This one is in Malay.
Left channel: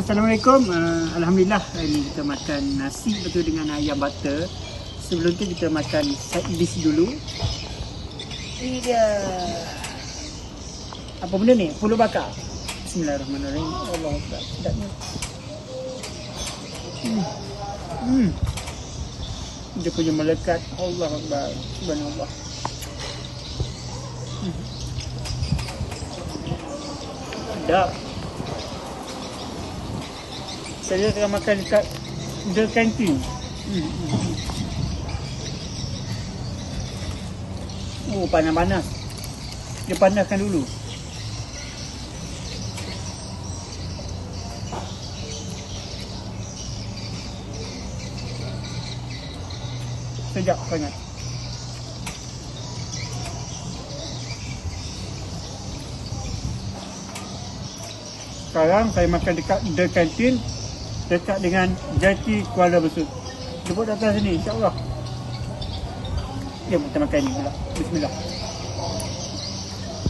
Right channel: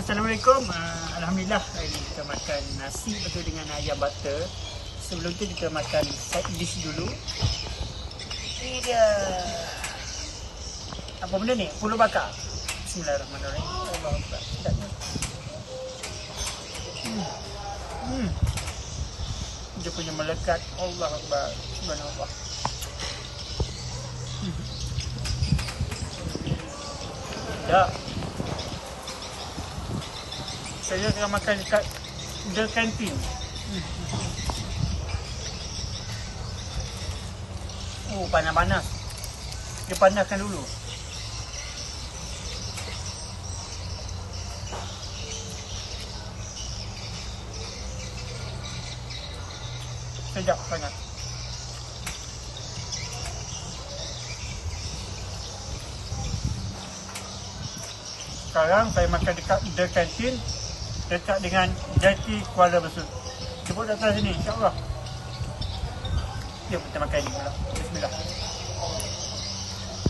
Assalamualaikum. Alhamdulillah hari ni kita makan nasi betul dengan ayam butter. Sebelum tu kita makan set dish dulu. Ini dia. Apa benda ni? Pulut bakar. Bismillahirrahmanirrahim. Allahuakbar. Sedapnya. Dia punya melekat. Allahuakbar. Subhanallah. Sedap. Saya tengah makan dekat The Canteen. Panas-panas. Dia panaskan dulu. Sedap sangat. Sekarang saya makan dekat The Canteen, dekat dengan Jati Kuala Besut. Jemput datang sini, insyaAllah. Jom kita makan ni pula. Bismillah.